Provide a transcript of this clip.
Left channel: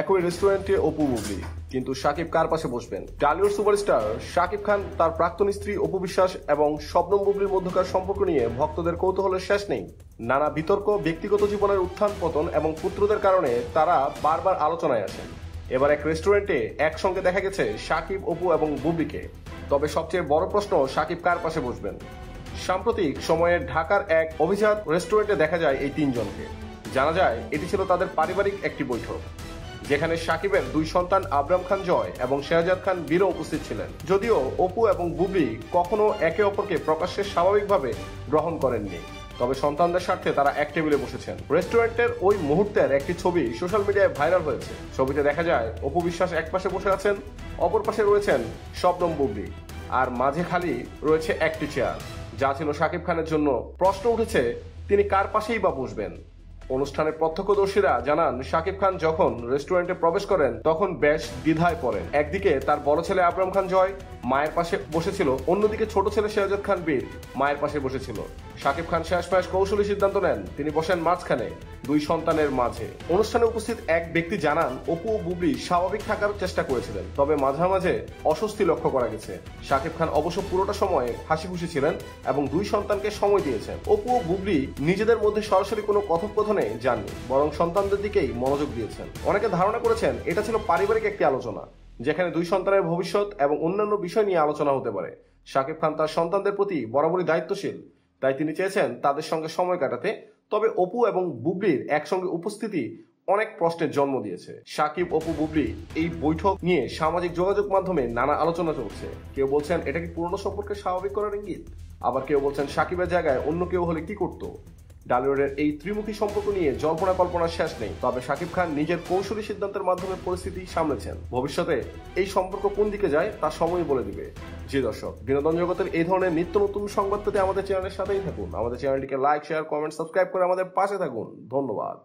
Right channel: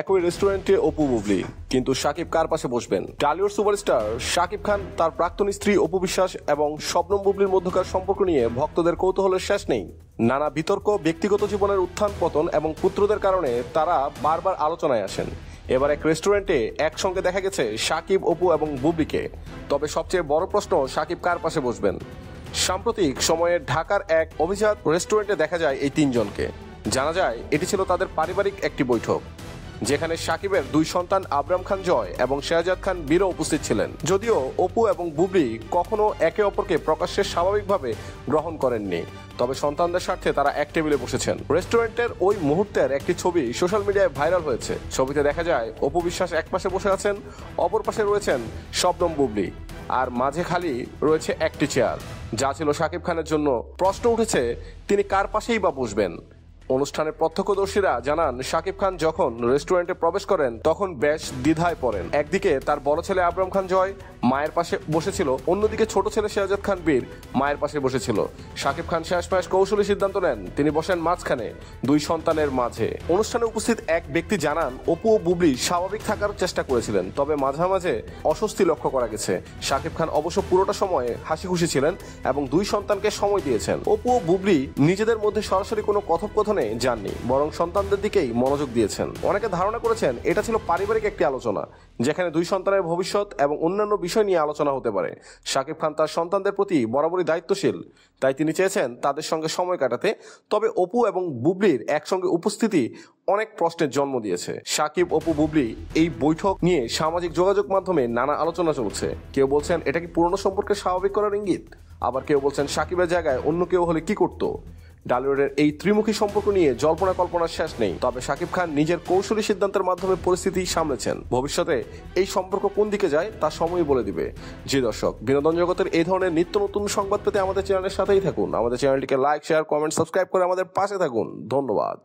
একই রেস্টুরেন্টে অপু বুবলি, কিন্তু শাকিব কার পাশে বসবেন? টলিউড সুপারস্টার শাকিব খান তার প্রাক্তন স্ত্রী অপু বিশ্বাস এবং শবনম বুবলির মধ্যকার সম্পর্ক নিয়ে ভক্তদের কৌতূহলের শেষ নেই। নানা বিতর্ক, ব্যক্তিগত জীবনের উত্থান পতন এবং পুত্রদের কারণে তারা বারবার আলোচনায় আসেন। এবার এক রেস্টুরেন্টে একসঙ্গে দেখা গেছে শাকিব, অপু এবং বুবলিকে। তবে সবচেয়ে বড় প্রশ্ন, শাকিব কার পাশে বসবেন? সাম্প্রতিক সময়ে ঢাকার এক অভিজাত রেস্টুরেন্টে দেখা যায় এই তিনজনকে। জানা যায় এটি ছিল তাদের পারিবারিক একটি বৈঠক, যেখানে শাকিবের দুই সন্তান আবরাম খান জয় এবং শেহজাদ খান বীরও উপস্থিত ছিলেন। যদিও অপু এবং বুবলি কখনো একে অপরকে প্রকাশ্যে স্বাভাবিকভাবে গ্রহণ করেননি, তবে সন্তানদের স্বার্থে তারা এক টেবিলে বসেছেন। রেস্টুরেন্টের ওই মুহূর্তের একটি ছবি সোশ্যাল মিডিয়ায় ভাইরাল হয়েছে। ছবিতে দেখা যায় অপু বিশ্বাস এক পাশে বসে আছেন, অপর পাশে রয়েছেন শবনম বুবলি, আর মাঝে খালি রয়েছে একটি চেয়ার, যা ছিল শাকিব খানের জন্য। প্রশ্ন উঠেছে, তিনি কার পাশেই বা বসবেন? অনুষ্ঠানের প্রত্যক্ষদর্শীরা জানান, শাকিব খান যখন রেস্টুরেন্টে প্রবেশ করেন তখন বেশ দ্বিধায় পড়েন। একদিকে তার বড় ছেলে আবরাম খান জয় মায়ের পাশে বসেছিল, অন্যদিকে ছোট ছেলে শেহজাদ খান বীর মায়ের পাশে বসেছিল। শাকিব খান শেষমেশ কৌশলী সিদ্ধান্ত নেন, তিনি বসেন মাঝখানে, দুই সন্তানের মাঝে। অনুষ্ঠানে উপস্থিত এক ব্যক্তি জানান, অপু ও বুবলি স্বাভাবিক থাকার চেষ্টা করেছিলেন, তবে মাঝে মাঝে অস্বস্তি লক্ষ্য করা গেছে। শাকিব খান অবশ্য পুরোটা সময় হাসি খুশি ছিলেন এবং দুই সন্তানকে সময় দিয়েছেন। অপু ও বুবলি নিজেদের মধ্যে সরাসরি কোনো কথোপকথনে যাননি, বরং সন্তানদের দিকেই মনোযোগ দিয়েছেন। অনেকে ধারণা করেছেন এটা ছিল পারিবারিক একটি আলোচনা, যেখানে দুই সন্তানের ভবিষ্যৎ এবং অন্যান্য বিষয় নিয়ে আলোচনা হতে পারে। শাকিব খান তার সন্তানদের প্রতি বরাবরই দায়িত্বশীল, তাই তিনি চেয়েছেন তাদের সঙ্গে সময় কাটাতে। তবে অপু এবং বুবলির একসঙ্গে উপস্থিতি অনেক প্রশ্নের জন্ম দিয়েছে। শাকিব, অপু, বুবলি এই বৈঠক নিয়ে সামাজিক যোগাযোগ মাধ্যমে নানা আলোচনা চলছে। কেউ বলছেন এটা কি পুরনো সম্পর্কে স্বাভাবিক করার ইঙ্গিত, আবার কেউ বলছেন শাকিবের জায়গায় অন্য কেউ হলে কি করতো। ডালিউডের এই ত্রিমুখী সম্পর্ক নিয়ে জল্পনা কল্পনার শেষ নেই, তবে শাকিব খান নিজের কৌশলী সিদ্ধান্তের মাধ্যমে পরিস্থিতি সামলেছেন। ভবিষ্যতে এই সম্পর্ক কোন দিকে যায় তা সময় বলে দিবে। জি দর্শক, বিনোদন জগতের এই ধরনের নিত্য নতুন সংবাদ পেতে আমাদের চ্যানেলের সাথেই থাকুন। আমাদের চ্যানেলটিকে লাইক, শেয়ার, কমেন্ট, সাবস্ক্রাইব করে আমাদের পাশে থাকুন। ধন্যবাদ।